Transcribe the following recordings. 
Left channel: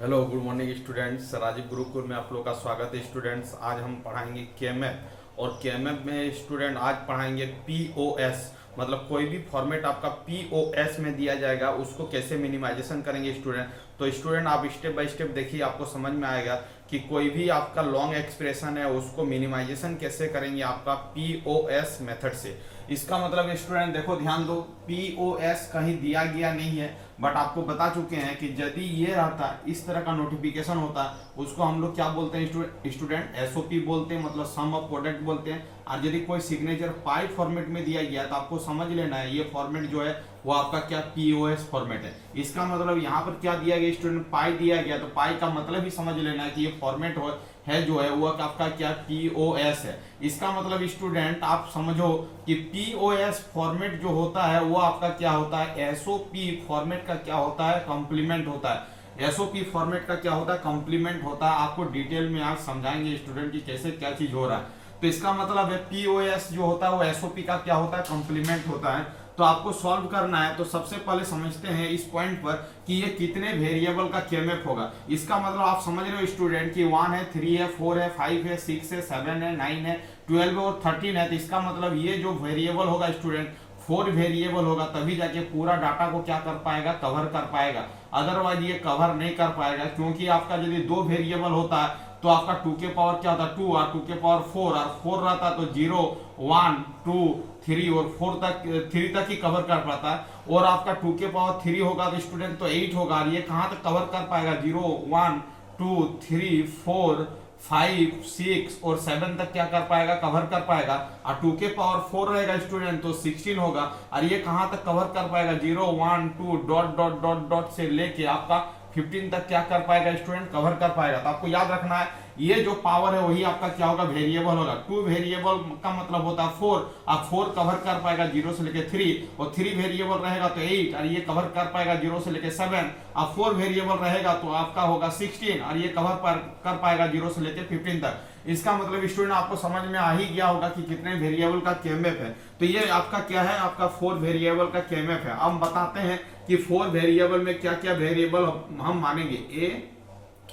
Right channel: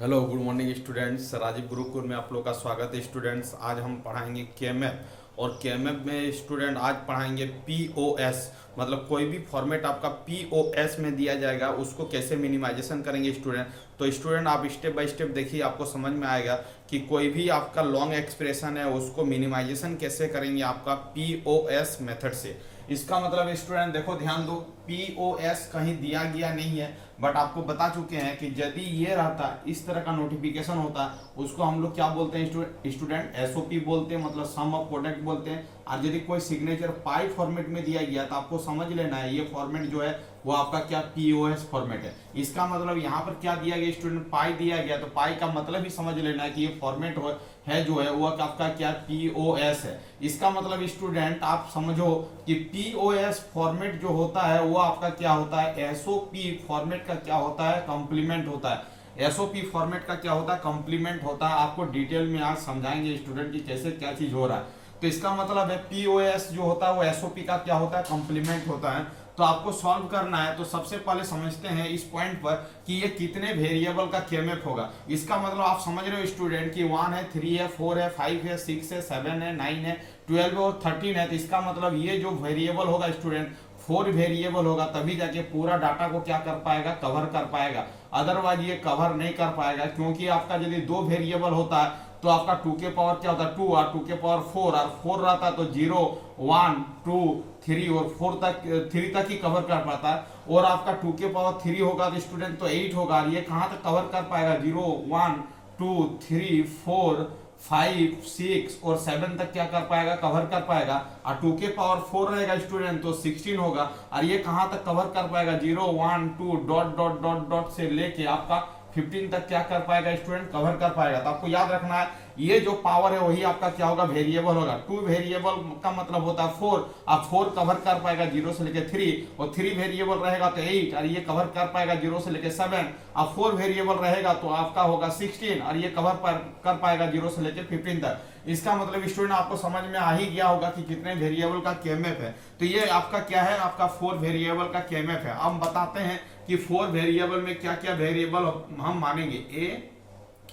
Hello good morning students. Rajiv Gurukul में आप लोग का स्वागत है स्टूडेंट्स। आज हम पढ़ाएंगे केएमएफ और केएमएफ में स्टूडेंट आज पढ़ाएंगे पीओएस। मतलब कोई भी फॉर्मेट आपका पीओएस में दिया जाएगा उसको कैसे मिनिमाइजेशन करेंगे स्टूडेंट। तो स्टूडेंट आप स्टेप बाय स्टेप देखिए, आपको समझ में आएगा कि कोई भी आपका लॉन्ग एक्सप्रेशन है उसको मिनिमाइजेशन कैसे करेंगे आपका पीओएस मेथड से। इसका मतलब स्टूडेंट देखो ध्यान दो, पीओएस कहीं दिया गया नहीं है, बट आपको बता चुके हैं कि यदि ये रहता है इस तरह का नोटिफिकेशन होता है उसको हम लोग क्या बोलते हैं स्टूडेंट, एसओपी बोलते हैं, मतलब सम ऑफ प्रोडक्ट बोलते हैं। और यदि कोई सिग्नेचर पाई फॉर्मेट में दिया गया तो आपको समझ लेना है ये फॉर्मेट जो है वो आपका क्या पीओएस फॉर्मेट है। इसका मतलब यहाँ पर क्या दिया गया स्टूडेंट, पाई दिया गया, तो पाई का मतलब ही समझ लेना है कि ये फॉर्मेट है जो है वो आपका क्या पीओएस है। इसका मतलब स्टूडेंट आप समझो कि पीओएस फॉर्मेट जो होता है वो आपका क्या होता है, एसओपी फॉर्मेट का क्या होता है, कॉम्प्लीमेंट होता है। एसओपी फॉर्मेट का क्या होता है, कॉम्प्लीमेंट होता है। आपको डिटेल में आज समझाएंगे स्टूडेंट की कैसे क्या चीज हो रहा है। तो इसका मतलब है पीओएस जो होता है वो एसओपी का क्या होता है, कॉम्प्लीमेंट होता है। तो आपको सॉल्व करना है तो सबसे पहले समझते हैं इस पॉइंट पर कि ये कितने वेरिएबल का केएमएफ होगा। इसका मतलब आप समझ रहे हो स्टूडेंट कि 1 है, 3 है, 4 है, 5 है, 6 है, 7 है, 9 है, 12 है और 13 है। तो इसका मतलब ये जो वेरिएबल होगा स्टूडेंट 4 वेरिएबल होगा, तभी जाके पूरा डाटा को क्या कर पाएगा, कवर कर पाएगा। अदरवाइज ये कवर नहीं कर पाएगा, क्योंकि आपका यदि 2 वेरिएबल होता है तो आपका 2 के पावर क्या होता है 2 और 2 के पावर 4 और 4 रहता तो 0 1 2 3 और 4 तक 3 तक ही कवर कर पाता है। और आपका 2 के पावर 3 होगा तो स्टूडेंट तो 8 होगा, और ये कहाँ तक कवर कर पाएगा, 0 1 2 3 4 5 6 और 7 तक क्या कर पाएगा, कवर कर पाएगा। और 2 के पावर 4 रहेगा स्टूडेंट तो 16 होगा, और ये कहाँ तक कवर कर पाएगा, 0 1 2 डॉट डॉट डॉट डॉट से लेके आपका 15 तक क्या कर पाएगा स्टूडेंट, कवर कर पाएगा। तो आपको याद रखना है ये जो पावर है वही आपका क्या होगा, वेरिएबल होगा। 2 वेरिएबल का मतलब होता है 4, आप 4 कवर कर पाएगा 0 से लेके 3, और 3 वेरिएबल रहेगा तो 8, और ये कवर कर पाएगा 0 से लेके 7, अब 4 वेरिएबल रहेगा तो आपका होगा 16, और ये कवर कर पाएगा 0 से लेके 15 तक। इसका मतलब स्टूडेंट आपको समझ में आ ही गया होगा कि कितने वेरिएबल का केएमएफ है। तो ये आपका क्या है, आपका 4 वेरिएबल का केएमएफ है। अब बताते हैं कि 4 वेरिएबल में क्या क्या वेरिएबल हम मानेंगे,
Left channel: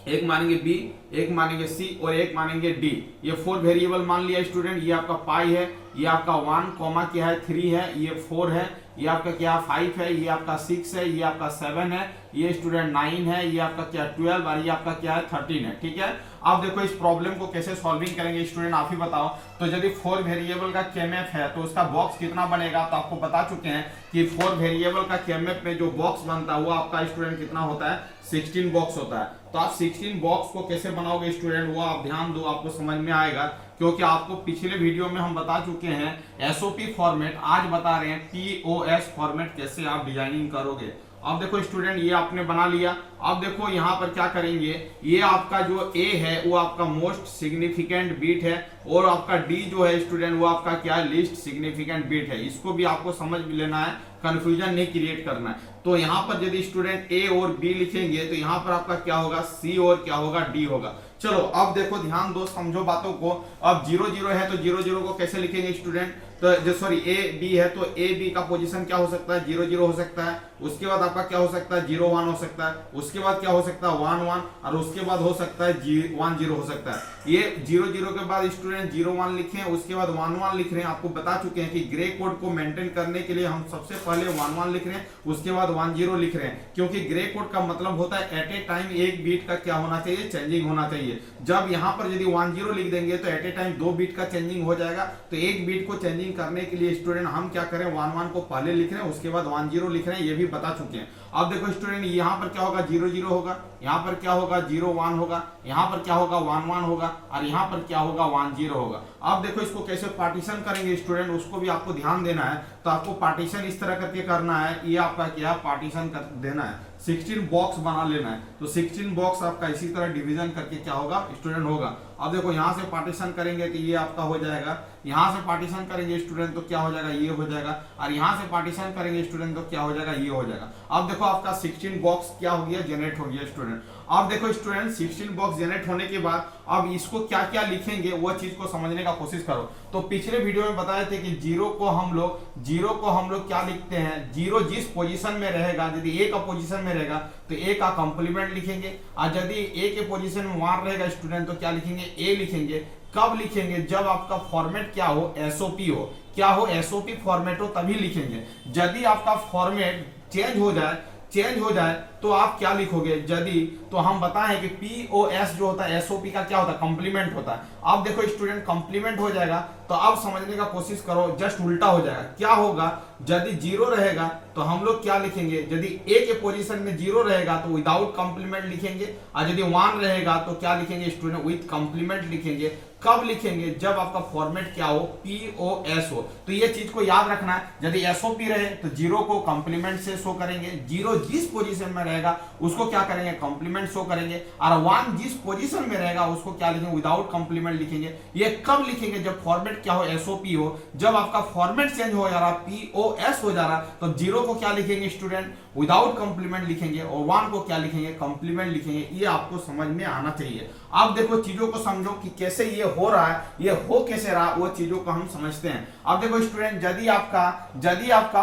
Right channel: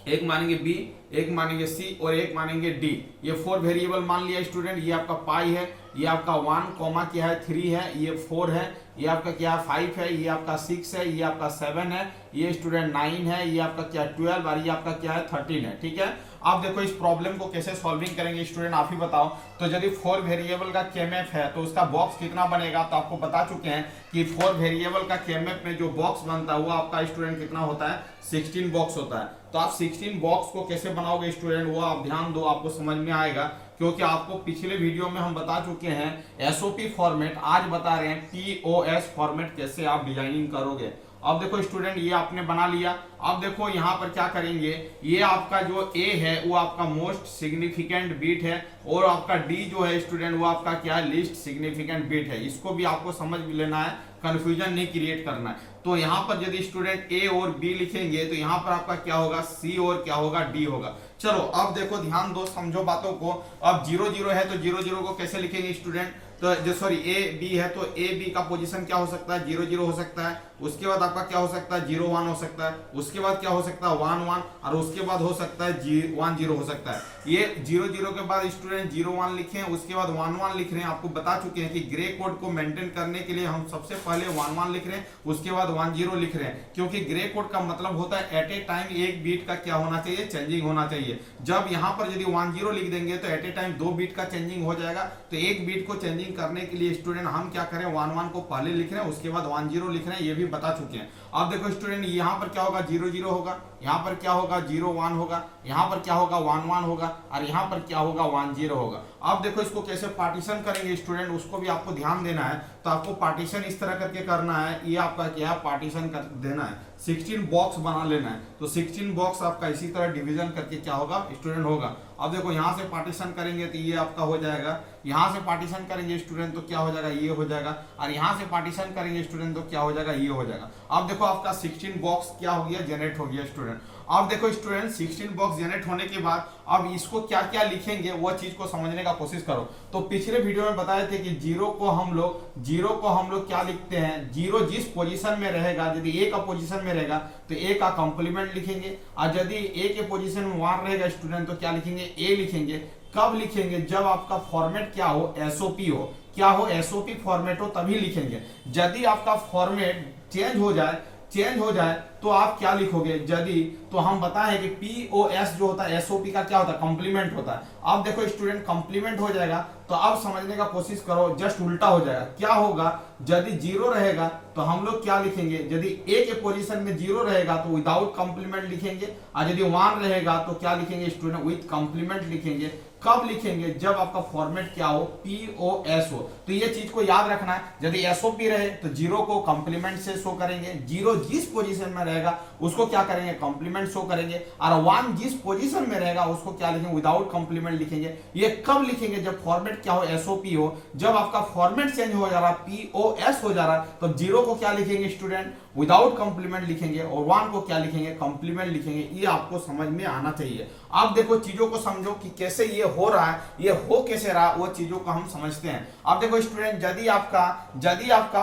एक मानेंगे बी, एक मानेंगे सी और एक मानेंगे डी। ये 4 वेरिएबल मान लिया स्टूडेंट। ये आपका पाई है, ये आपका 1 कॉमा क्या है 3 है, ये 4 है, ये आपका क्या 5 है, ये आपका 6 है, ये आपका 7 है, ये स्टूडेंट 9 है, ये आपका क्या 12 और ये आपका क्या है 13 है। ठीक है, अब देखो इस प्रॉब्लम को कैसे सॉल्विंग करेंगे स्टूडेंट, आप ही बताओ। तो यदि 4 वेरिएबल का केएमएफ है तो उसका बॉक्स कितना बनेगा, तो आपको बता चुके हैं कि 4 वेरिएबल का केएमएफ में जो बॉक्स बनता है वो आपका स्टूडेंट कितना होता है, 16 बॉक्स होता है। तो आप 16 बॉक्स को कैसे बनाओगे स्टूडेंट, वो आप ध्यान दो, आपको समझ में आएगा, क्योंकि आपको पिछले वीडियो में हम बता चुके हैं एसओपी फॉर्मेट, आज बता रहे हैं पीओएस फॉर्मेट कैसे आप डिजाइनिंग करोगे। अब देखो स्टूडेंट ये आपने बना लिया। अब देखो यहाँ पर क्या करेंगे, ये आपका जो ए है वो आपका मोस्ट सिग्निफिकेंट बीट है, और आपका डी जो है स्टूडेंट वो आपका क्या है, लीस्ट सिग्निफिकेंट बीट है। इसको भी आपको समझ लेना है, कंफ्यूजन नहीं क्रिएट करना है। तो यहाँ पर यदि स्टूडेंट ए और बी लिखेंगे तो यहाँ पर आपका क्या होगा, सी और क्या होगा, डी होगा। चलो अब देखो ध्यान दो, समझो बातों को। अब 0 0 है तो 0 0 को कैसे लिखेंगे स्टूडेंट, तो जो सॉरी ए बी है तो ए बी का पोजीशन क्या हो सकता है, 0 0 हो सकता है। उसके बाद आपका क्या हो सकता है, 0 1 हो सकता है। उसके बाद क्या हो सकता है, 1 1, और उसके बाद हो सकता है 1 0 हो सकता है। ये 0 0 के बाद स्टूडेंट 0 1 लिखे, उसके बाद 1 1 लिख रहे हैं। आपको बता चुके हैं कि ग्रे कोड को मेंटेन करने के लिए हम सबसे पहले 1 1 लिख रहे हैं, उसके बाद 1 0 लिख रहे हैं, क्योंकि ग्रे कोड का मतलब होता है एट ए टाइम एक बीट का क्या होना चाहिए, चेंजिंग होना चाहिए। जब यहाँ पर यदि 1 0 लिख देंगे तो एट ए टाइम 2 बीट का चेंजिंग हो जाएगा। तो एक बीट को चेंजिंग करने के लिए स्टूडेंट हम क्या करें, 1 1 को पहले लिख रहे हैं, उसके बाद 1 0 लिख रहे हैं, ये भी बता चुके हैं। अब देखो स्टूडेंट यहाँ पर क्या होगा, 0 0 होगा, यहाँ पर क्या होगा 0 1 होगा, यहाँ पर क्या होगा 1 1 होगा, और यहाँ पर क्या होगा 1 0 होगा। अब देखो इसको कैसे पार्टीशन करेंगे स्टूडेंट, उसको भी आपको ध्यान देना है। तो आपको पार्टीशन इस तरह करके करना है, ये आपका क्या है, पार्टीशन कर देना है, 16 बॉक्स बना लेना है। तो 16 बॉक्स आपका इसी तरह डिवीजन करके क्या होगा स्टूडेंट होगा। अब देखो यहाँ से पार्टीशन करेंगे तो ये आपका हो जाएगा, यहाँ से पार्टीशन करेंगे स्टूडेंट तो क्या हो जाएगा, ये हो जाएगा, और यहाँ से पार्टीशन करेंगे स्टूडेंट तो क्या हो जाएगा, ये हो जाएगा। अब देखो आपका 16 बॉक्स क्या हो गया, जनरेट हो गया स्टूडेंट। अब देखो स्टूडेंट 16 बॉक्स जनरेट होने के बाद अब इसको क्या क्या लिखेंगे वो चीज को समझने का कोशिश करो। तो पिछले वीडियो में बताए थे कि जीरो को हम लोग क्या लिखते हैं, जीरो जिस पोजीशन में रहेगा, यदि ए का पोजीशन में रहेगा तो ए का कंप्लीमेंट लिखेंगे, और यदि ए के पोजीशन में 1 रहेगा स्टूडेंट तो क्या लिखेंगे, ए लिखेंगे। कब लिखेंगे, जब आपका फॉर्मेट क्या हो, एसओपी हो। क्या हो, एसओपी फॉर्मेट हो तभी लिखेंगे। यदि आपका फॉर्मेट चेंज हो जाए तो आप क्या लिखोगे, यदि तो हम बताएं कि पीओएस जो होता है एसओपी का क्या होता है, कंप्लीमेंट होता है। अब देखो स्टूडेंट कंप्लीमेंट हो जाएगा तो अब समझने का कोशिश करो, जस्ट उल्टा हो जाएगा। क्या होगा, यदि जीरो रहेगा तो हम लोग क्या लिखेंगे, यदि ए के पोजीशन में जीरो रहेगा तो विदाउट कंप्लीमेंट लिखेंगे, और यदि 1 रहेगा तो क्या लिखेंगे स्टूडेंट, विथ कंप्लीमेंट लिखेंगे। कब लिखेंगे, जब आपका फॉर्मेट क्या हो, पीओएस हो। तो ये चीज को याद रखना है, यदि एसओपी रहे तो जीरो को कंप्लीमेंट से शो करेंगे, जीरो जिस पोजीशन में रहेगा उसको क्या करेंगे, कंप्लीमेंट शो करेंगे, और 1 जिस पोजीशन में रहेगा उसको क्या लिखेंगे, विदाउट कंप्लीमेंट लिखेंगे। ये कब लिखेंगे, जब फॉर्मेट क्या हो, एसओपी हो। जब आपका फॉर्मेट चेंज हो जा रहा, पीओएस हो जा रहा, तो जीरो को क्या लिखेंगे स्टूडेंट, विदाउट कंप्लीमेंट लिखेंगे, और 1 को क्या लिखेंगे, कंप्लीमेंट लिखेंगे। ये आपको समझ में आना चाहिए। अब देखो चीजों को समझो कि कैसे ये हो रहा है, ये हो कैसे रहा, वो चीजों को हम समझते हैं। अब देखो स्टूडेंट, यदि आपका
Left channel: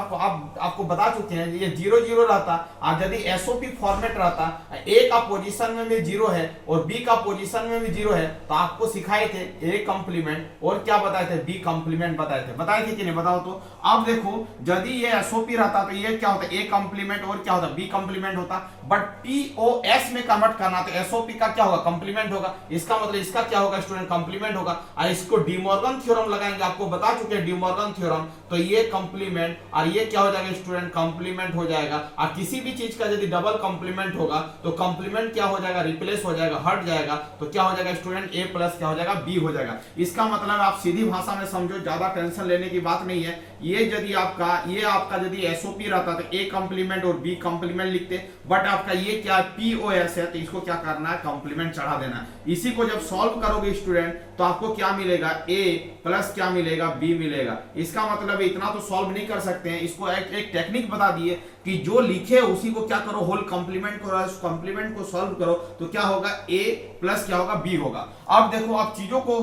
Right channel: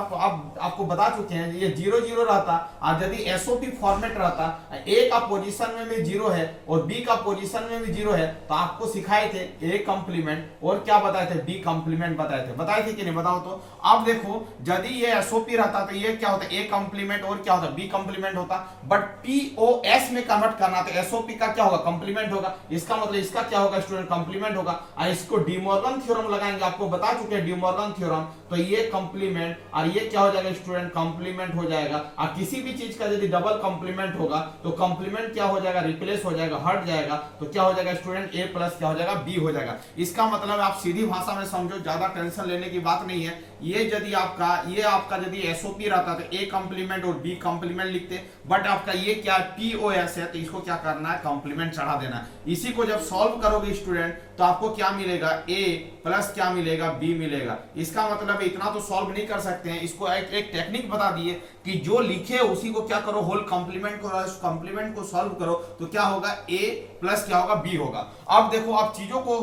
आपको बता चुके हैं ये 0 0 रहता, और यदि एसओपी फॉर्मेट रहता, ए का पोजीशन में भी 0 है और बी का पोजीशन में भी 0 है, तो आपको सिखाए थे ए कंप्लीमेंट और क्या बताए थे, बी कंप्लीमेंट बताए थे कि नहीं, बताओ तो। अब देखो यदि ये एसओपी रहता तो ये क्या होता, ए कंप्लीमेंट और क्या होता, बी कंप्लीमेंट होता। बट पीओएस में कन्वर्ट करना तो एसओपी का क्या होगा, कंप्लीमेंट होगा। इसका मतलब इसका क्या होगा स्टूडेंट, कंप्लीमेंट होगा। और इसको डिमॉर्गन थ्योरम लगाएंगे, आपको बता चुके हैं डिमॉर्गन थ्योरम, तो ये कंप्लीमेंट और ये क्या हो जाएगा स्टूडेंट, कंप्लीमेंट हो जाएगा। और किसी भी चीज का यदि डबल कंप्लीमेंट होगा तो कंप्लीमेंट क्या हो जाएगा, रिप्लेस हो जाएगा, हट जाएगा, तो क्या हो जाएगा स्टूडेंट, ए प्लस क्या हो जाएगा, बी हो जाएगा। इसका मतलब आप सीधी भाषा में समझो, ज्यादा टेंशन लेने की बात नहीं है। ये आपका यदि एसओपी रहता तो ए कंप्लीमेंट और बी कंप्लीमेंट लिखते, बट आपका ये क्या पीओएस है तो इसको क्या करना है, कंप्लीमेंट चढ़ा देना। इसी को जब सॉल्व करोगे स्टूडेंट तो आपको क्या मिलेगा, ए प्लस क्या मिलेगा, बी मिलेगा। इसका मतलब इतना तो सॉल्व नहीं कर सकते हैं, इसको एक टेक्निक बता दिए कि जो लिखे उसी को क्या करो, होल कंप्लीमेंट करो, कंप्लीमेंट को सॉल्व करो तो क्या होगा, ए प्लस क्या होगा, बी होगा। अब देखो आप चीजों को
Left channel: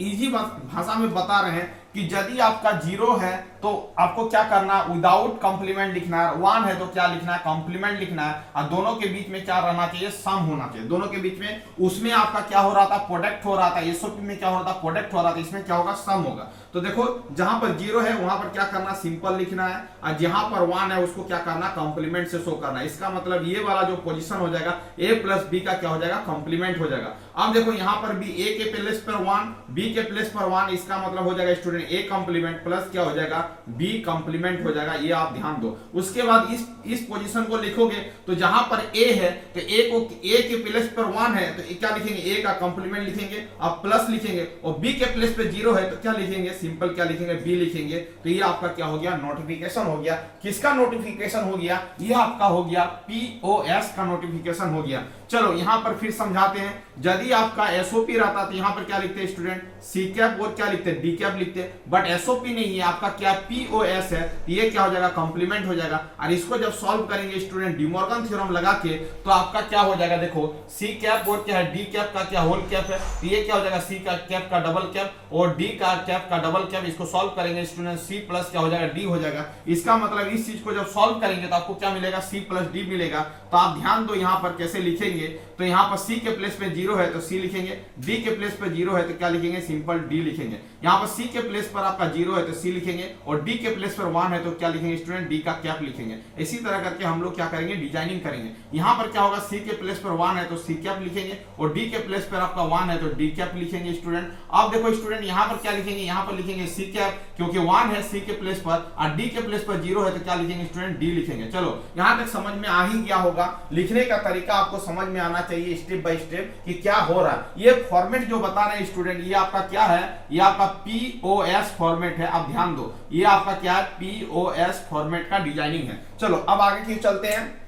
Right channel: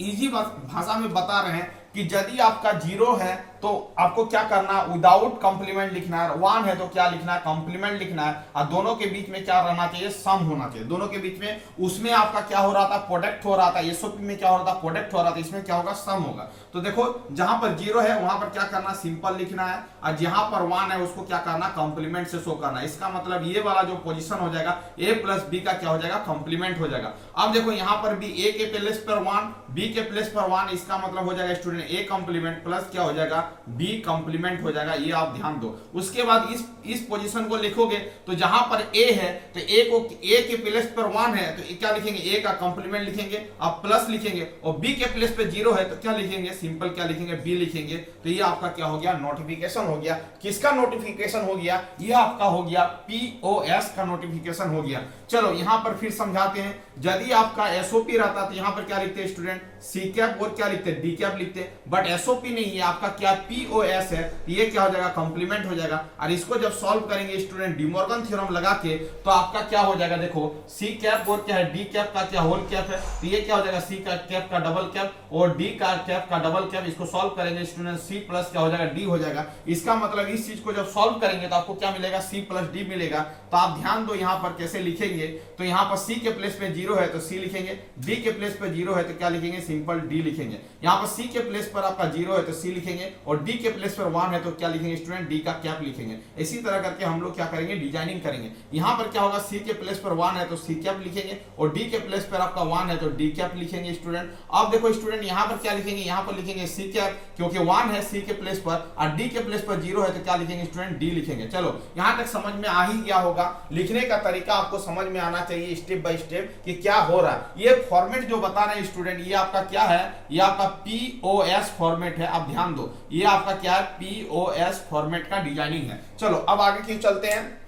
इजी भाषा में बता रहे हैं कि यदि आपका 0 है तो आपको क्या करना है, विदाउट कंप्लीमेंट लिखना है, 1 है तो क्या लिखना है, कंप्लीमेंट लिखना है, और दोनों के बीच में क्या रहना चाहिए, सम होना चाहिए। दोनों के बीच में उसमें आपका क्या हो रहा था, प्रोडक्ट हो रहा था, एसओपी में क्या हो रहा था, प्रोडक्ट हो रहा था, इसमें क्या होगा, सम होगा। तो देखो जहां पर 0 है वहां पर क्या करना, सिंपल लिखना है, और जहां पर 1 है उसको क्या करना, कंप्लीमेंट से शो करना है। इसका मतलब ये वाला जो पोजीशन हो जाएगा, ए प्लस बी का क्या हो जाएगा, कंप्लीमेंट हो जाएगा। अब देखो यहां पर भी ए के प्लेस पर 1, बी के प्लेस पर 1, इसका मतलब हो जाएगा स्टूडेंट ए कंप्लीमेंट प्लस क्या हो जाएगा, बी कंप्लीमेंट हो जाएगा। ये आप ध्यान दो। उसके बाद इस पोजीशन को लिखोगे तो जहां पर ए है तो ए के प्लेस पर 1 है तो क्या लिखेंगे, ए का कंप्लीमेंट लिखेंगे, आप प्लस लिखेंगे, और बी के प्लेस पे 0 है तो क्या लिखेंगे, सिंपल क्या लिखेंगे, बी लिखेंगे। तो ये आपका क्या हो गया, नोटिफिकेशन हो गया। किसका नोटिफिकेशन हो गया, ये आपका हो गया पीओएस का नोटिफिकेशन हो गया। चलो यहां पर फिर समझाते हैं। यदि आपका एसओपी रहता तो यहां पर क्या लिखते हैं स्टूडेंट, सी कैप और क्या लिखते हैं, डी कैप लिखते, बट एसओपी नहीं है, आपका क्या पीओएस है, ये क्या हो जाएगा, कंप्लीमेंट हो जाएगा। और इसको जब सॉल्व करेंगे स्टूडेंट डिमॉर्गन थ्योरम लगा के तो आपका क्या हो जाएगा, देखो सी कैप और क्या है, डी कैप का क्या होल कैप है, तो ये क्या हो जाएगा, सी का कैप का डबल कैप और डी का कैप का डबल कैप। इसको सॉल्व करेंगे स्टूडेंट, सी प्लस क्या हो जाएगा, डी हो जाएगा। इसका मतलब इस चीज को जब सॉल्व करेंगे तो आपको क्या मिलेगा, सी प्लस डी मिलेगा। तो आप ध्यान दो यहाँ पर कैसे लिखेंगे, तो यहाँ पर सी के प्लेस पे 0 है तो सी लिखेंगे, डी के प्लेस पे 0 है तो क्या लिखेंगे, सिंपल डी लिखेंगे। यहाँ पर सी के प्लेस पर आपका 0 है तो सी लिखेंगे, और डी के प्लेस पर 1 है तो क्या लिखेंगे स्टूडेंट, डी का कैप लिखेंगे। इसी तरह करके हम लोग क्या करेंगे, डिजाइनिंग करेंगे। यहाँ पर क्या होगा, सी के प्लेस पर 1 है तो सी कैप लिखेंगे, और डी के प्लेस पर आपका 1 है तो डी कैप लिखेंगे स्टूडेंट। अब देखो स्टूडेंट यहाँ पर क्या लिखेंगे, यहाँ पर लिखेंगे सी कैप, क्योंकि 1 है सी के प्लेस पर, और डी के प्लेस पर 0 है तो क्या लिखेंगे स्टूडेंट, डी लिखेंगे। चलो यहाँ तक समझ में आ ही गया होगा। लिखने का तरीका आपको समझ में आना चाहिए स्टेप बाय स्टेप कि क्या हो रहा है। ये फॉर्मेट जो बता रहे हैं स्टूडेंट, ये आपका क्या है, ये आपका पीओएस फॉर्मेट है। आप ध्यान दो, ये आपका क्या है, पीओएस फॉर्मेट का डिजाइनिंग है। चलो अब आगे की चलते हैं।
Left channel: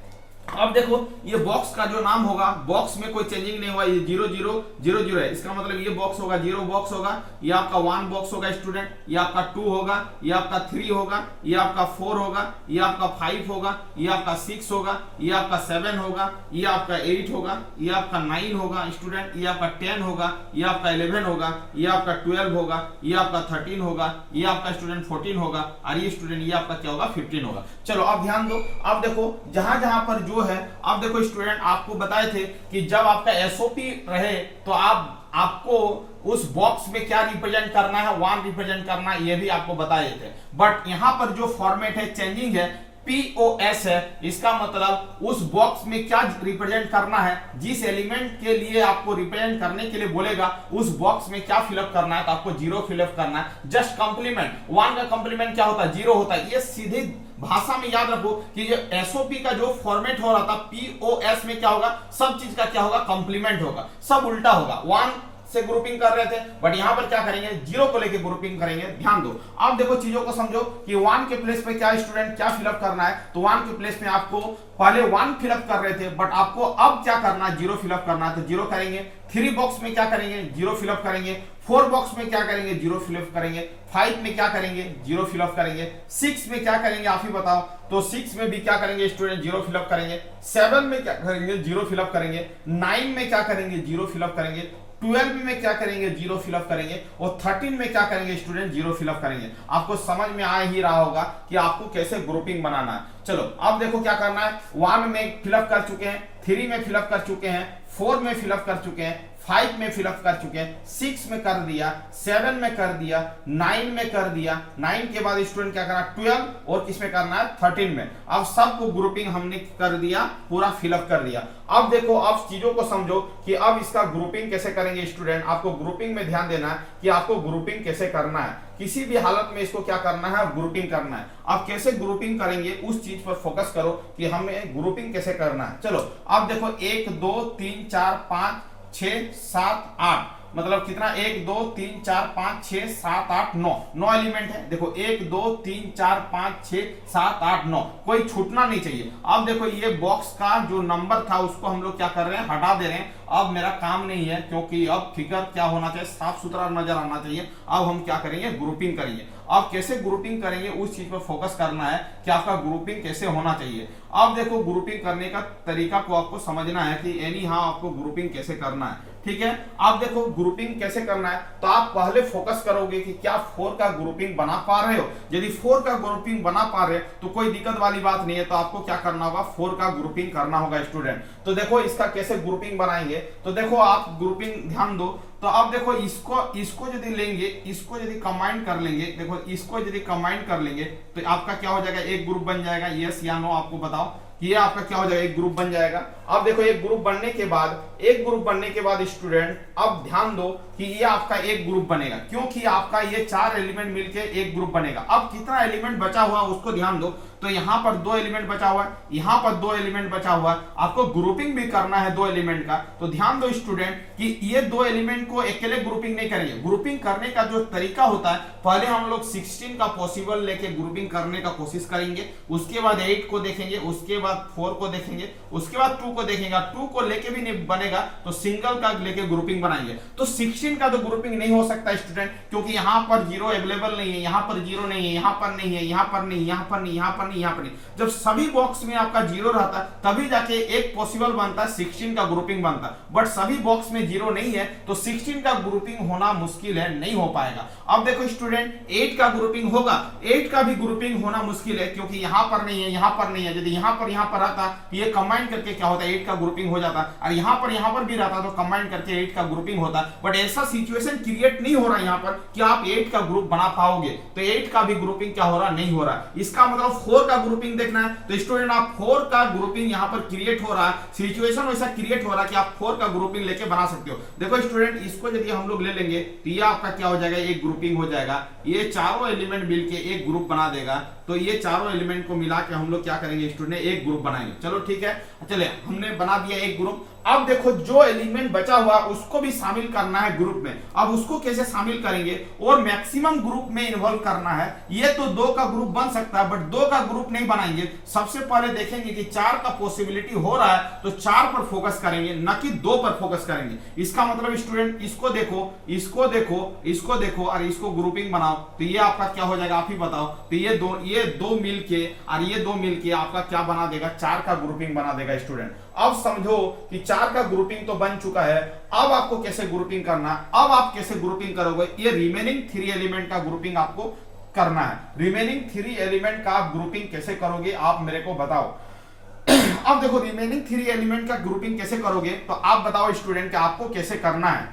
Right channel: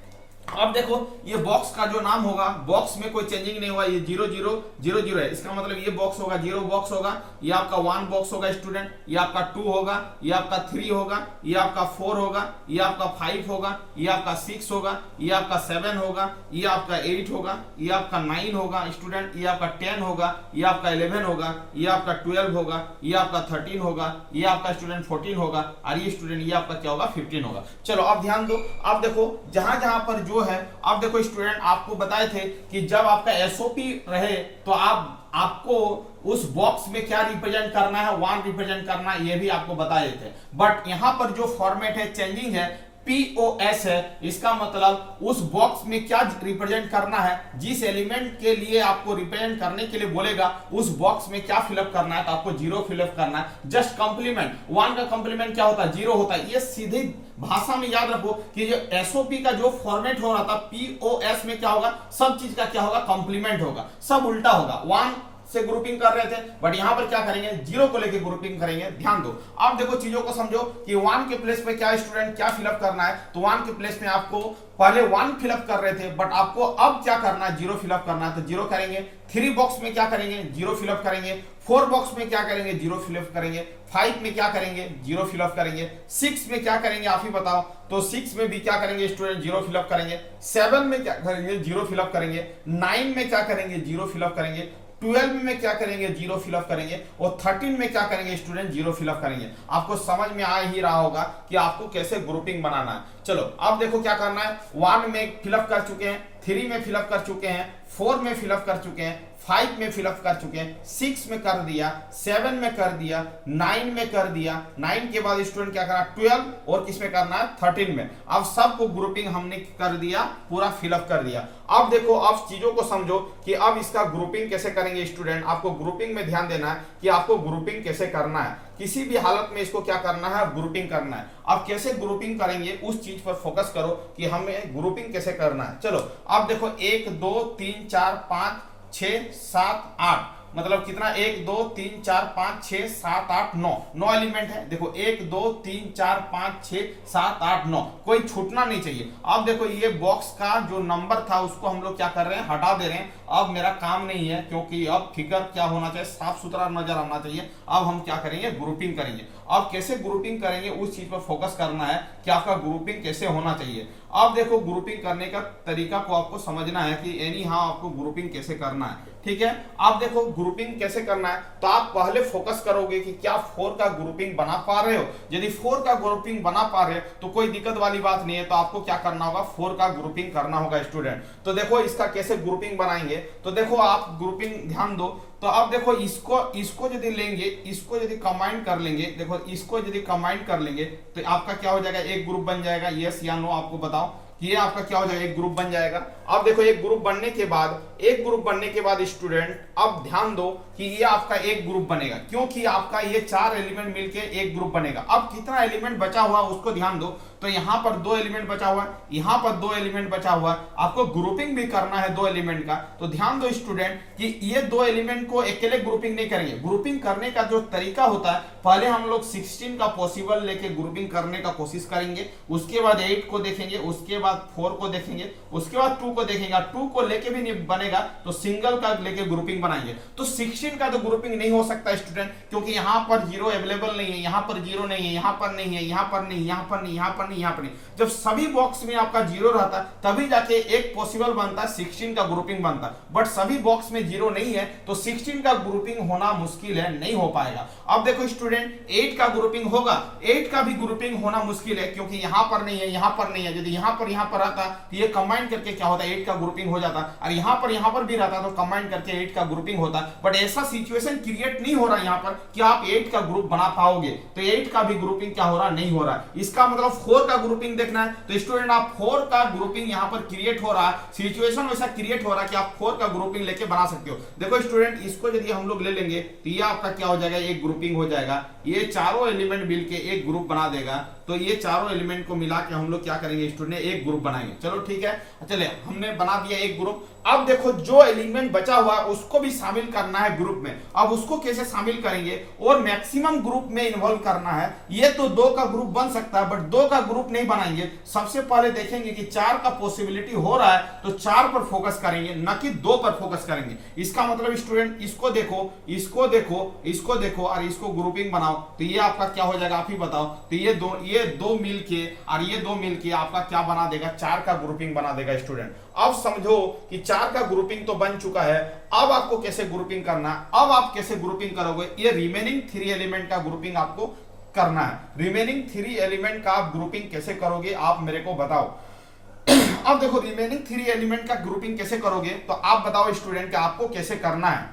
अब देखो ये बॉक्स का जो नाम होगा, बॉक्स में कोई चेंजिंग नहीं हुआ, ये 0000 है, इसका मतलब ये बॉक्स होगा 0 बॉक्स होगा, ये आपका 1 बॉक्स होगा स्टूडेंट, ये आपका 2 होगा, ये आपका 3 होगा, ये आपका 4 होगा, ये आपका 5 होगा, ये आपका 6 होगा, ये आपका 7 होगा, ये आपका 8 होगा, ये आपका 9 होगा स्टूडेंट, ये आपका 10 होगा, ये आपका 11 होगा, ये आपका 12 होगा, ये आपका 13 होगा, ये आपका स्टूडेंट 14 होगा, और ये स्टूडेंट ये आपका क्या होगा 15 होगा। चलो अब ध्यान दो, अब देखो जहां जहां पर जो है, अब देखो स्टूडेंट आपको बताए थे कि जब आपका एसओपी रहे तो आपको उस बॉक्स में क्या रिप्रेजेंट करना है, 1 रिप्रेजेंट करना है, ये भी आपको बताए थे। बट यहां पर जो फॉर्मेट है चेंजिंग है, POS है, इसका मतलब उस बॉक्स में क्या रिप्रेजेंट करना है, जिस एलिमेंट के लिए आपको रिप्रेजेंट करने के लिए बोलेगा उस बॉक्स में क्या फिलअप करना है, तो आपको 0 फिलअप करना है। जस्ट कंप्लीमेंट, 1 का कंप्लीमेंट क्या होता है 0 होता है। ये सीधी भाषा में याद रखो कि जो एसओपी का जो फॉर्मेट हो रहा था POS में क्या होगा, सब चीज का क्या होगा कंप्लीमेंट होगा, सब उल्टा होगा। 1 से ग्रुपिंग कर रहे थे बट यहां पर क्या करेंगे 0 को लेके ग्रुपिंग करेंगे। ध्यान दो, अब देखो चीजों को समझो कि 1 के प्लेस पे क्या स्टूडेंट क्या फिलअप करना है, तो 1 के प्लेस में आपको पहले 1 फिलअप कर रहे थे बट आपको अब क्या करना है 0 फिलअप करना है, तो 0 करेंगे। 3 बॉक्स में क्या करेंगे 0 फिलअप करेंगे। 4 बॉक्स में क्या करेंगे 0 फिलअप करेंगे। 5 में क्या करेंगे 0 फिलअप करेंगे। 6 में क्या करेंगे आप ही बताओ, तो 6 में भी क्या करेंगे स्टूडेंट 0 फिलअप करेंगे। 7 में क्या करेंगे 0 फिलअप करेंगे। 9 में क्या करेंगे 0 फिलअप करेंगे। 12 में क्या करेंगे 0 फिलअप करेंगे, और 13 में क्या करेंगे स्टूडेंट 0 फिलअप करेंगे। आपको समझ में आ ही रहा होगा कि आपको कैसे ग्रुपिंग बनाना है। चलो अब देखो क्या करना है, 1 में फिलअप कर चुके हैं, 3 में फिलअप कर चुके हैं, 4 में फिलअप कर चुके हैं, 5 में फिलअप कर चुके हैं, 6 में कर दिया, 7 में कर दिया, 9 में कर दिया। 9 के बाद स्टूडेंट क्या करना 12, और किसमें करना है 13 में। अब सबको ग्रुपिंग हमने कर दिया, पूरा फिलअप कर दिया। अब देखो अब चीजों को समझो कि अब इसका ग्रुपिंग कैसे करेंगे स्टूडेंट। आपको ग्रुपिंग में ध्यान देना है कि आपको ग्रुपिंग कैसे करना है, किसी भी हालत में इसको क्या करना है ग्रुपिंग करना है। आप कैसे ग्रुपिंग करेंगे उस चीज पर फोकस करो कि हमें ग्रुपिंग कैसे करना है। चलो अब देखो 1 2 3 4 5 6 7 8, मतलब कितना 1 2 3 4 5 6 7 8 9 एलिमेंट है। देखो 1 2 3 4 5 6 7 8 9, कोई छूटना नहीं चाहिए। अब देखो ये बॉक्स का जो नंबर था उसको हम लोग क्या कर रहे हैं हटा दे रहे हैं। अब मेरा काम नहीं है क्योंकि अब फिगर क्या होना चाहिए साफ सुथरा नजर आना चाहिए। अब हम क्या करेंगे ग्रुपिंग करेंगे। अब कैसे ग्रुपिंग करेंगे उस चीज पर फोकस करना है कि आपका ग्रुपिंग कैसे होना चाहिए। अब देखो ग्रुपिंग करने का तरीका को आपको समझना है कि एनी हाउ आपको ग्रुपिंग कैसे करना है, ठीक है। आप देखो ग्रुपिंग कैसे करना है, तो आप पहले फोकस करोगे कि क्या 4 का ग्रुपिंग बना पा रहे हो। यदि 4 का ग्रुपिंग बना पा रहे हो तो कोई दिक्कत वाली बात नहीं है, तो आपको क्या करना होगा 4 का ग्रुपिंग करना होगा स्टूडेंट। तो देखो इसका कैसे ग्रुपिंग बनाएंगे, तो देखो आप ग्रुपिंग ध्यान दो। तो अब देखो इसको यदि लेंगे, इसको यदि कंबाइन कर लेंगे, देखो इसको यदि कंबाइन कर लेंगे तो आपका क्या हो जाएगा एक ग्रुप बन जाएगा। यस या नो आपको बताओ कि ये आपका क्या हो जाएगा एक ग्रुप बन जाएगा। अब देखो एक ग्रुप बनने के बाद स्टूडेंट अब ध्यान दो कि ये आपका एक ग्रुप बनेगा, क्योंकि आपका ये 4 एलिमेंट मिलके एक ग्रुप बनेगा। अब कितना एलिमेंट बचा हुआ है उसको ध्यान दो, तो यहाँ पर 2 एलिमेंट बचा हुआ है, यहाँ पर 2 एलिमेंट बचा हुआ है। आपको ग्रुपिंग भी करना है 2 एलिमेंट का, तो ध्यान दो स्टूडेंट कि ये 2 एलिमेंट को अकेले ग्रुपिंग नहीं करेंगे। ग्रुपिंग करने का जो तरीका होता है, पहले हम लोग 16 का पॉसिबल लेके ग्रुपिंग करने का कोशिश करेंगे, उसके बाद 8 को देखेंगे, उसके बाद 4 को देखेंगे, उसके बाद 2 को देखेंगे। 2 को लेके भी नहीं बनेगा तो सिंगल का लेके ग्रुपिंग बनाएंगे। तो 16 का तो ग्रुपिंग नहीं हो सकता स्टूडेंट, क्योंकि यहाँ पर 0 अवेलेबल नहीं है, यहाँ पर 0 नहीं है, यहाँ पर नहीं है, यहाँ पर नहीं, यहाँ पर नहीं, यहाँ पर नहीं, यहाँ पर नहीं। जब सभी बॉक्स में आपका 0 रहता है तभी जाके एक पॉसिबल बनता है 16 का ग्रुपिंग बनता है। बट सभी बॉक्स में 0 नहीं है तो 16 का ग्रुपिंग होना मुश्किल है, नहीं हो पाएगा। अब देखो स्टूडेंट 8 का ग्रुपिंग होगा, 8 का भी ग्रुपिंग होना मुश्किल है, क्योंकि यहाँ पर नहीं है, यहाँ पर नहीं है। यदि यहाँ पर रहता तो ये कंबाइन करके क्या होता है 8 का ग्रुपिंग हो जाता, और यहाँ पर भी रहता तो कंबाइन करके 8 का ग्रुपिंग होता। बट ऐसा सिचुएशन क्रिएट नहीं हो रहा है यहाँ पर कि आप 8 का ग्रुप बना पाओगे, तो 8 का भी ग्रुपिंग क्या हो रहा नहीं हो रहा है। इसका मतलब 4 का ग्रुपिंग देखना है, तो स्टूडेंट आप 4 का ग्रुपिंग यहाँ पर क्रिएट हो रहा है, सिचुएशन वैसा क्रिएट हो रहा है कि आप 4 का ग्रुपिंग लेके बना सकते हो। देखो स्टूडेंट इसको यदि हम लोग ले लेंगे तो ये आपका क्या हो जाएगा एक ग्रुपिंग हो जाएगा। ये चारों एलिमेंट मिलके एक ग्रुप बना देगा, तो ये चारों एलिमेंट को मिला के हम लोग क्या करेंगे स्टूडेंट एक ग्रुप बनाएंगे। चलो ठीक है, चले हमने बना दिया एक ग्रुप। अब देखो जो एलिमेंट बचा हुआ है उसको भी शामिल करना है ग्रुप में। अब उसको कैसे शामिल करेंगे और मैक्सिमम ग्रुप में इन्वॉल्व करना है। ये तो 2 का ग्रुप बन सकता है, बट 2 का ग्रुप नहीं बनाएंगे, सबसे पहले देखेंगे कि 4 का पॉसिबिलिटी हो रहा है तो 4 पर फोकस करेंगे, न कि 2 पर फोकस करेंगे। इसका मतलब स्टूडेंट इसको देखो, इसको देखो, इसको देखो और इसको ग्रुपिंग बनाओ तो ये आपका क्या हो जाएगा आप ही बताओ। तो ये दो मिलके और ये 2 मिलके आपका क्या बना देगा, 4 का ग्रुपिंग बना देगा स्टूडेंट। अब समझो कि 4 का ग्रुपिंग तो बन चुका है, अब आपको कैसे ग्रुपिंग करना है, अब आप कैसे ग्रुपिंग करोगे, ये रिमेनिंग 3 एलिमेंट का ग्रुपिंग आपको करना है। रिमेनिंग 3 एलिमेंट का आप ग्रुपिंग कैसे करोगे आप मेरे को बताओ। अब देखो रिमेनिंग 3 एलिमेंट का ग्रुपिंग कैसे करोगे तो आप बताओ स्टूडेंट कि आपको कैसे करना है।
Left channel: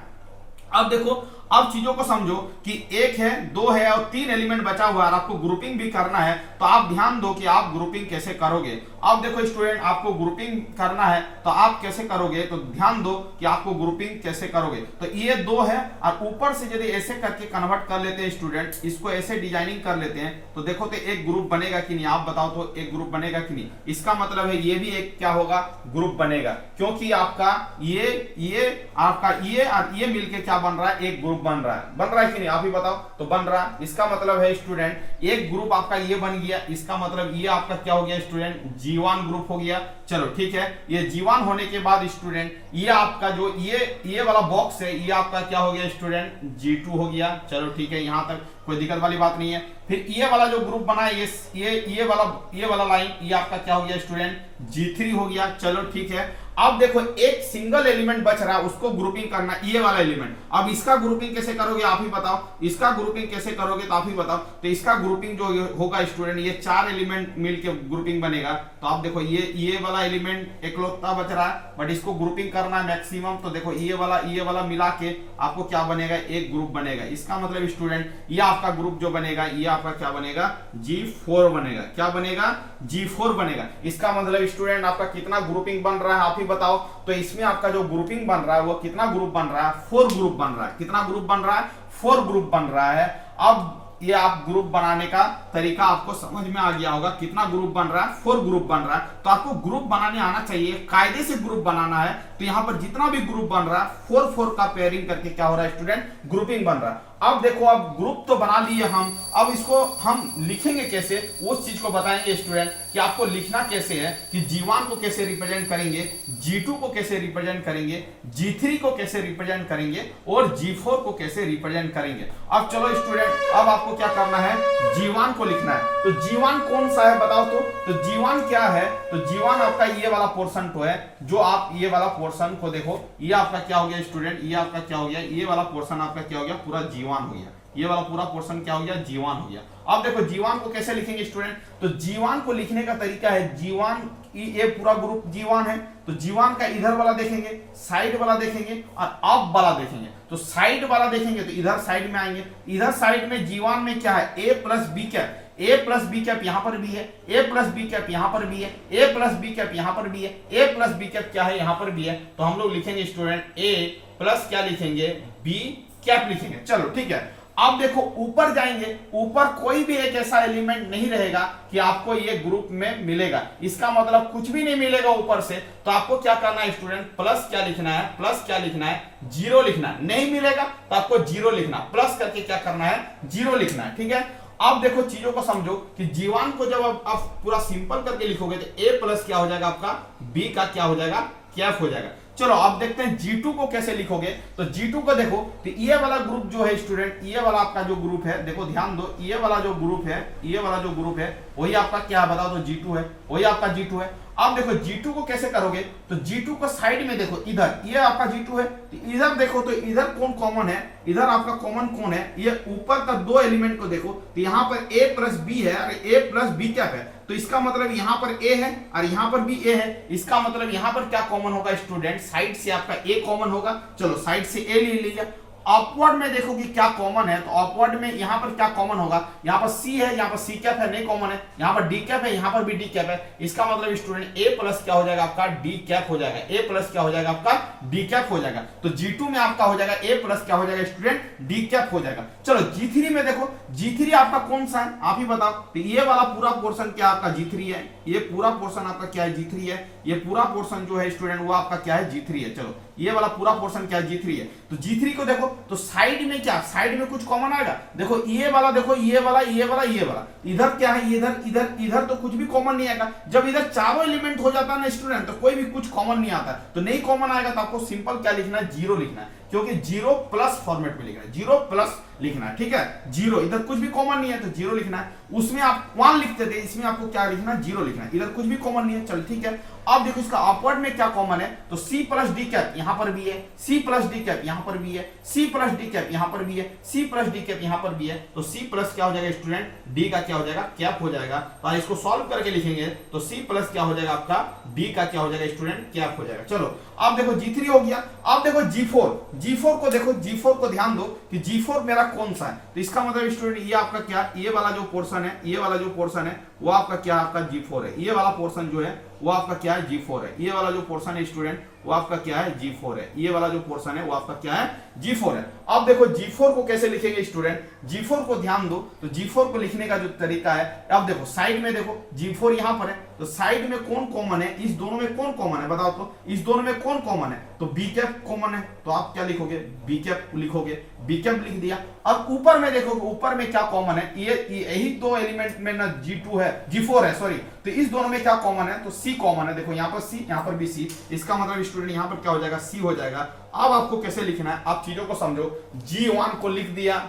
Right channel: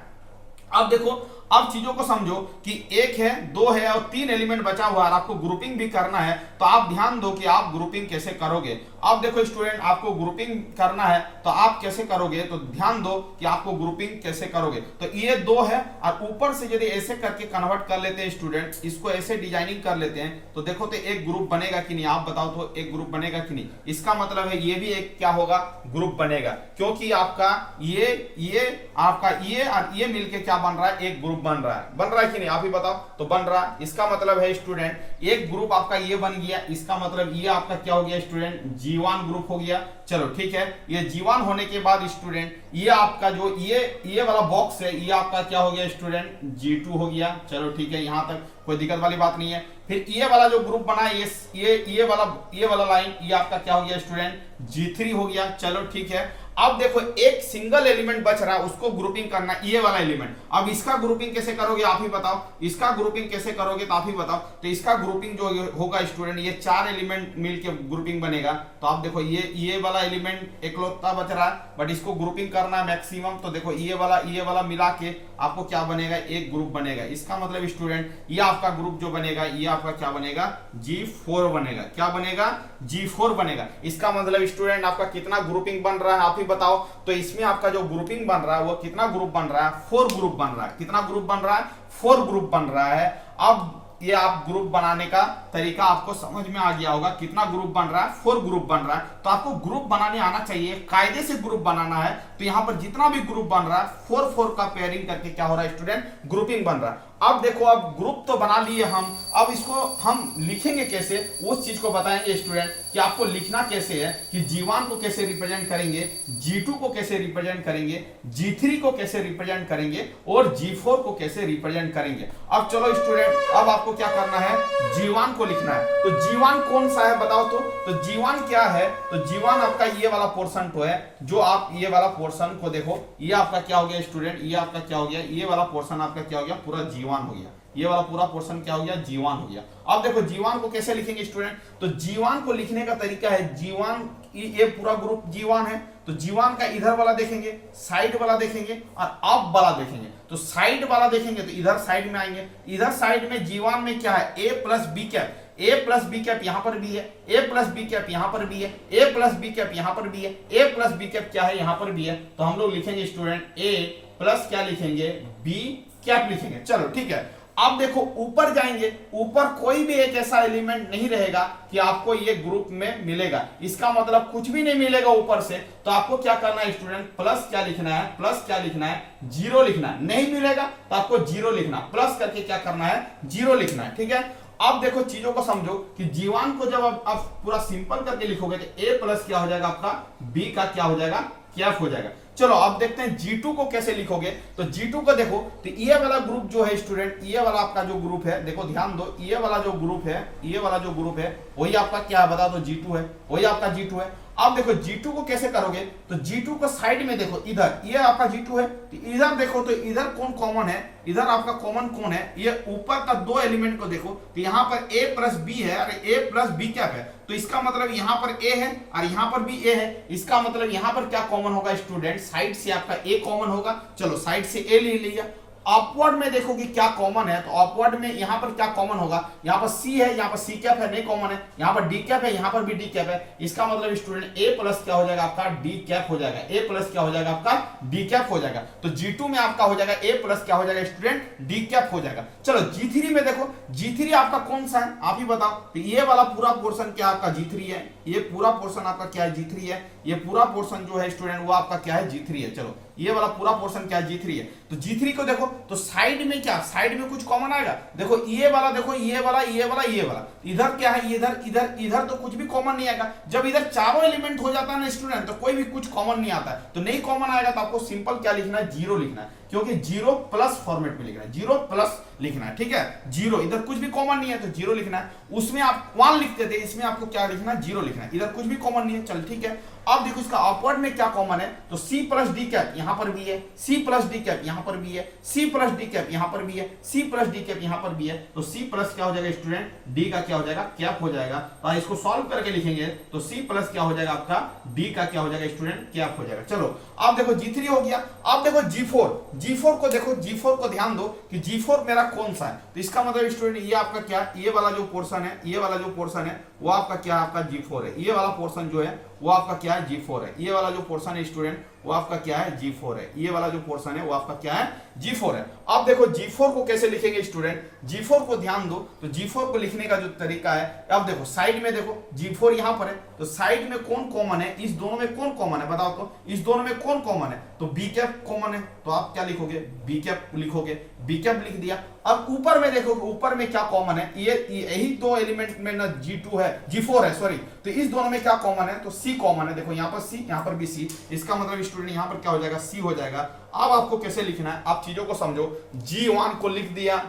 अब देखो, अब चीजों को समझो कि 1 है, 2 है और 3 एलिमेंट बचा हुआ है, आपको ग्रुपिंग भी करना है। तो आप ध्यान दो कि आप ग्रुपिंग कैसे करोगे। अब देखो स्टूडेंट, आपको ग्रुपिंग करना है तो आप कैसे करोगे, तो ध्यान दो कि आपको ग्रुपिंग कैसे करोगे। तो ये 2 है और ऊपर से यदि ऐसे करके कन्वर्ट कर लेते हैं स्टूडेंट, इसको ऐसे डिजाइनिंग कर लेते हैं तो देखो तो एक ग्रुप बनेगा कि नहीं, आप बताओ तो एक ग्रुप बनेगा कि नहीं। इसका मतलब है ये भी एक क्या होगा, ग्रुप बनेगा, क्योंकि आपका ये आपका ये और ये मिलके क्या बन रहा है, एक ग्रुप बन रहा है कि नहीं, आप ही बताओ। तो बन रहा है, इसका मतलब है स्टूडेंट एक ग्रुप आपका ये बन गया, इसका मतलब ये आपका क्या हो गया स्टूडेंट, G1 ग्रुप हो गया। चलो ठीक है, ये G1 होने के बाद स्टूडेंट ये आपका जो ये वाला बॉक्स है ये आपका क्या हो गया स्टूडेंट, G2 हो गया। चलो ठीक है, यहां तक कोई दिक्कत वाली बात नहीं है। फिर ये वाला जो ग्रुप बना है ये वाला लाइन ये आपका क्या हो गया स्टूडेंट, G3 हो गया। चलो ठीक है, अब देखो एक सिंगल एलिमेंट बच रहा है, उसको ग्रुपिंग करना, ये वाला एलिमेंट। अब इसका ग्रुपिंग कैसे करोगे आप ही बताओ, इसका ग्रुपिंग कैसे करोगे तो आप ही बताओ। तो इसका ग्रुपिंग जो होगा स्टूडेंट, ये 4 एलिमेंट मिलके ग्रुपिंग बनेगा। तो आप देखो ये वाला एलिमेंट एकलौता बच रहा है बट इसको ग्रुपिंग करना है मैक्सिमम। तो देखो ये वाला मिला के आपको क्या बनेगा, एक ग्रुप बनेगा। इसका मतलब स्टूडेंट ये आपका ग्रुप जो बनेगा ये आपका क्या बनेगा, G4 बनेगा। क्या बनेगा, G4 बनेगा। इसका मतलब स्टूडेंट आपका कितना ग्रुपिंग बन रहा है आप ही बताओ। तो इसमें आपका जो ग्रुपिंग बन रहा है वो कितना ग्रुप बन रहा है, 4 ग्रुप बन रहा है। कितना ग्रुप बन रहा है, 4 ग्रुप बन रहा है। अब ये आप ग्रुप बनाने का तरीका आपको समझ में आ गया होगा, कितना ग्रुप बन रहा है, 4 ग्रुप बन रहा है। तो आपको ग्रुप बनाने आना चाहिए, कायदे से ग्रुप बनाना है। तो यहाँ पर जितना भी ग्रुप बन रहा है 4 का पेयरिंग करके क्या हो रहा है स्टूडेंट, ग्रुपिंग बन रहा है। अब देखो, अब ग्रुप तो बना लिए हम, अब इसको हम लिखेंगे कैसे उस चीज को बताएंगे स्टूडेंट कि आपको लिखना कैसे है, कि G1 को कैसे रिप्रेजेंट करेंगे, G2 को कैसे रिप्रेजेंट करेंगे, G3 को कैसे रिप्रेजेंट करेंगे और G4 को कैसे रिप्रेजेंट करेंगे। अब चलो स्टूडेंट, अब आपको क्या करना है, G1 को लिखना है। तो G1 कौन सा है बताओ तो G1 क्या है, तो G1 आपका ये वाला पोर्शन तो है, जो आप ये वाला पोर्शन को देखो, ये आपका क्या हो गया स्टूडेंट, ये आपका क्या हो गया, ये वाला पोर्शन आपका क्या हो गया, पूरा G1 हो गया। ये वाला पूरा पोर्शन क्या हो गया, G1 हो गया। अब देखो G1 को कैसे लिखेंगे स्टूडेंट, तो G1 को लिखने का तरीका है, G1 ये पूरा ग्रुप G1 है, तो G1 का इधर वाला देखेंगे, साइड वाला देखेंगे और अप वाला देखेंगे। तो साइड वाला देखेंगे तो इधर साइड में आएंगे, इधर साइड में G1 में क्या है, A plus b cap, A plus b cap यहाँ पर भी है, A प्लस बी कैप यहाँ पर भी है, A प्लस बी कैप यहाँ पर भी है, A प्लस बी कैप क्या है यहाँ पर भी है। तो हम लोग लिखेंगे स्टूडेंट A प्लस क्या लिखेंगे, B कैप लिखेंगे। चलो ठीक है, अब देखो ऊपर जाएंगे, ऊपर कोई भी एक ऐसा एलिमेंट नहीं रहेगा कि आपको ये ग्रुप में मिलेगा, इसका मतलब कुछ भी नहीं मिलेगा ऊपर से। तो आपको क्या करना है स्टूडेंट, प्लस क्या लिखना है, प्लस क्या लिखना है, 0 लिखना है। नहीं मिलेगा तो आपको 0 लिखना, प्लस करके क्या करना है, 0 लिखना है। ठीक है, अब देखो चीजों को समझो कि G1 को जब आप पूरा सिंपल करके लिखोगे तो A प्लस क्या हो जाएगा आपका, B का क्या हो जाएगा, कैप हो जाएगा। चलो अब देखते हैं G2 को कैसे लिखोगे। तो G2 को देखो, तो ये वाला ग्रुप जो है स्टूडेंट, ये वाला आपका जो ग्रुप है, देखो ध्यान दो, ये वाला जो ग्रुप है, ये वाला जो ग्रुप है वही आपका क्या बता दो, G2 है, वही आपका G2 है। अब देखो G2 को कैसे करोगे, तो G2 को साइड में देखो, इधर ये आपका G2 है, तो इधर देखो, तो इधर कौन कॉमन है, इधर आपका कॉमन कौन है, ये ऊपर का 2 एलिमेंट को देखो, तो यहाँ पर A प्लस B है और A प्लस B कैप है। तो इसका मतलब यहाँ पर A है और यहाँ पर भी A है, इसका मतलब यहाँ पर क्या कॉमन होगा स्टूडेंट, साइड से आपका A कॉमन होगा। चलो साइड से A ले लिया। अपवर्ड में देखो कि क्या कॉमन है, तो अपवर्ड में यहाँ पर क्या कॉमन होगा, यहाँ पर C है, यहाँ पर C कैप है, नहीं कॉमन है, यहाँ पर D कैप है, यहाँ पर भी D कैप है। इसका मतलब स्टूडेंट A प्लस क्या हो जाएगा आपका, D कैप हो जाएगा, A प्लस क्या हो जाएगा आपका, D कैप हो जाएगा। तो G2 में आपका हो जाएगा A प्लस क्या हो जाएगा स्टूडेंट, D कैप हो जाएगा। चलो G3 में देखो, G3 आपका कौन सा है आप ही बताओ। तो ये वाला पूरा पोर्शन क्या आपका G3 है, ये पूरा पोर्शन आपका क्या है, G3 है। ये पूरा पोर्शन जो है स्टूडेंट वो आपका क्या है G3 है। चलो ये वाला पूरा पोर्शन क्या है G3 है। तो G3 को देखो तो साइड में क्या, साइड में कुछ कॉमन आएगा। देखो ये वाला, देखो ये वाला, ये वाला, ये वाला, इधर क्या है, इधर इधर इधर तो कुछ भी कॉमन नहीं आएगा। जब इधर चारों एलिमेंट हो जाता है ना स्टूडेंट तो कोई भी कुछ कॉमन नहीं आता है। तो नहीं कॉमन आएगा तो आपको सिंपल क्या लिखना है, 0 लिखना है, क्योंकि 0 प्लस फॉर्मेट में लिखना है, 0 प्लस लिखना है। ठीक है, 0, इधर कुछ भी कॉमन नहीं है तो 0 लिखना है। उसमें आप 1 लिखते थे, इसमें आपको क्या लिखना है, 0 लिखना है। इधर कुछ भी कॉमन नहीं है। चल ठीक है, अब देखो इसका अपवर्ड में क्या कॉमन है, तो C प्लस डी कैप यहां पर भी है, C प्लस डी कैप यहां पर भी है, C प्लस डी कैप यहां पर भी है, C प्लस डी कैप यहां पर भी है। तो C प्लस क्या हो जाएगा स्टूडेंट, D का क्या हो जाएगा, कैप हो जाएगा। तो इसको सॉल्व करके लिखेंगे तो C प्लस क्या हो जाएगा आपका, D का क्या हो जाएगा स्टूडेंट, कैप हो जाएगा। चलो अब देखो G3 हो गया। अब देखो G4 को देखो, G4 को ध्यान दो कि G4 मेरा कौन सा है। तो इसका मतलब स्टूडेंट ये आपका क्या, ये वाला जो पोर्शन है, ये वाला जो पोर्शन है वो आपका क्या है, आपका G4 है। ये वाला पोर्शन जो है वो आपका क्या है, G4 है। ये वाला जो पोर्शन है स्टूडेंट वो आपका क्या है, G4 है। ये वाला जो पोर्शन है वो आपका क्या है, G4 है। अब देखो G4 को कैसे लिखेंगे स्टूडेंट, G4 को ध्यान दो तो G4 को लिखने का जो तरीका है, अब देखो साइड में देखो G4 यहां पर है, तो साइड में कौन कॉमन है, इस दोनों में कौन कॉमन है बताओ तो, इस दोनों में कौन कॉमन है, तो बी कैप कॉमन है। तो आप क्या लिखोगे, बी कैप लिखोगे, बी कैप लिख दिया। अब ऊपर में देखो, ऊपर में क्या कॉमन है, ये यही दो एलिमेंट में ना G2 है, G4 है सॉरी, तो इस दोनों में क्या कॉमन है, तो C कॉमन है। देखो यहाँ पर C, यहाँ पर भी C, इसका मतलब स्टूडेंट यहाँ पर क्या हो जाएगा, C हो जाएगा। अब आपको कैसे लिखना है, आप चीजों को समझो। G1 को लिख दिया,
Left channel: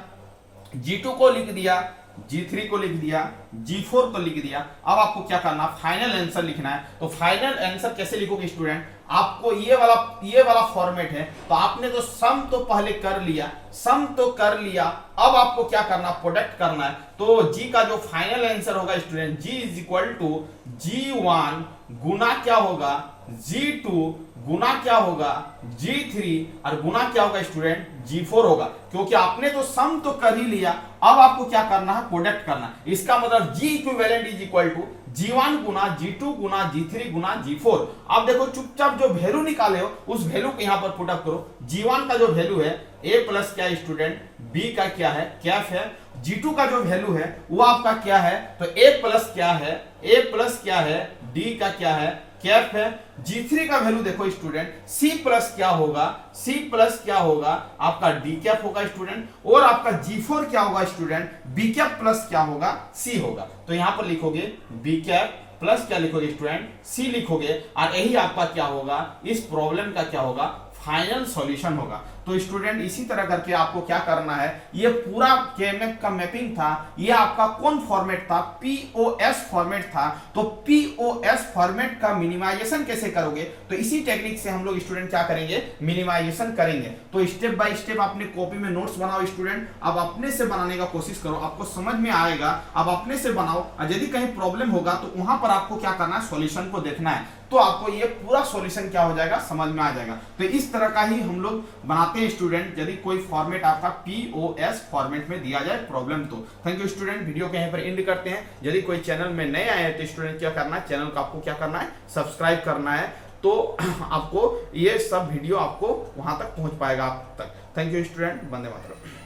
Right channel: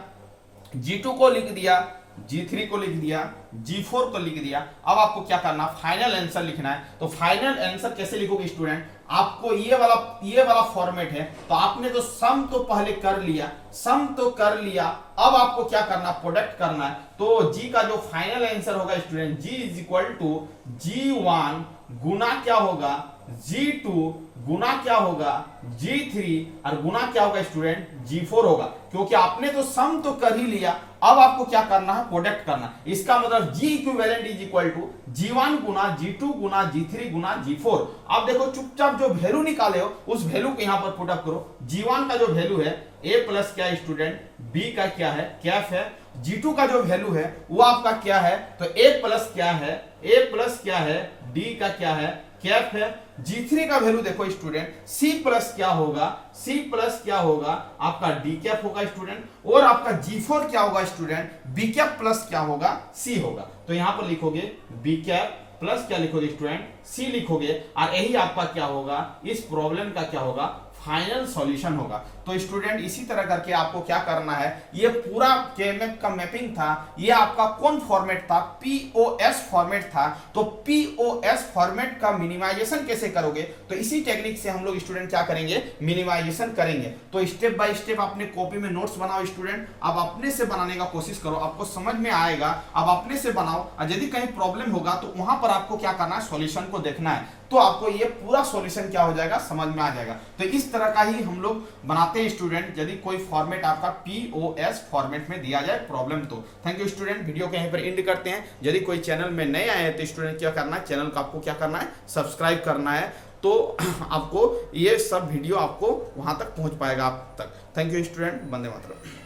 G2 को लिख दिया, G3 को लिख दिया, G4 को लिख दिया। अब आपको क्या करना, फाइनल आंसर लिखना है। तो फाइनल आंसर कैसे लिखोगे स्टूडेंट, आपको ये वाला फॉर्मेट है, तो आपने तो सम तो पहले कर लिया, सम तो कर लिया। अब आपको क्या करना, प्रोडक्ट करना है। तो G का जो फाइनल आंसर होगा student, G is equal to G1 गुना क्या होगा, G2 गुना क्या होगा, G3 और गुना क्या होगा स्टूडेंट, G4 होगा। क्योंकि आपने तो सम तो कर ही लिया, अब आपको क्या करना है, प्रोडक्ट करना है। इसका मतलब G equivalent is equal to G1 गुना G2 गुना G3 गुना G4। आप देखो चुपचाप जो वैल्यू निकाले हो उस वैल्यू को यहां पर पुट अप करो। G1 का जो वैल्यू है A प्लस क्या है स्टूडेंट, B का क्या है, कैप है। G2 का जो वैल्यू है वो आपका क्या है, तो A प्लस क्या है, A प्लस क्या है, D का क्या है, कैप है। G3 का वैल्यू देखो स्टूडेंट, C प्लस क्या होगा, C प्लस क्या होगा, आपका D कैप होगा स्टूडेंट। और आपका G4 क्या होगा स्टूडेंट, B कैप प्लस क्या होगा, C होगा। तो यहां पर लिखोगे B कैप प्लस क्या लिखोगे स्टूडेंट, C लिखोगे। और यही आपका क्या होगा, इस प्रॉब्लम का क्या होगा, फाइनल सॉल्यूशन होगा। तो स्टूडेंट इसी तरह करके आपको क्या करना है, ये पूरा केएमएफ का मैपिंग था, ये आपका कौन फॉर्मेट था, पीओएस फॉर्मेट था। तो पीओएस फॉर्मेट का मिनिमाइजेशन कैसे करोगे, तो इसी टेक्निक से हम लोग स्टूडेंट क्या करेंगे, मिनिमाइजेशन करेंगे। तो स्टेप बाय स्टेप अपने कॉपी में नोट्स बनाओ स्टूडेंट, अब अपने से बनाने का कोशिश करो, आपको समझ में आएगा। अब अपने से बनाओ, और यदि कहीं प्रॉब्लम होगा तो वहां पर आपको क्या करना है, सॉल्यूशन को देखना है, तो आपको ये पूरा सॉल्यूशन क्या हो जाएगा, समझ में आ जाएगा। तो इस तरह का ही हम लोग बनाते हैं स्टूडेंट, यदि कोई फॉर्मेट आपका पीओएस फॉर्मेट में दिया जाए प्रॉब्लम तो। थैंक यू स्टूडेंट, वीडियो के यहीं पर एंड करते हैं। यदि कोई चैनल में नए आए हैं तो स्टूडेंट क्या करना है, चैनल को आपको क्या करना है, सब्सक्राइब करना है। तो आपको ये सब वीडियो आपको वहां तक पहुंच पाएगा आप तक। Thank you student, Vande Mataram.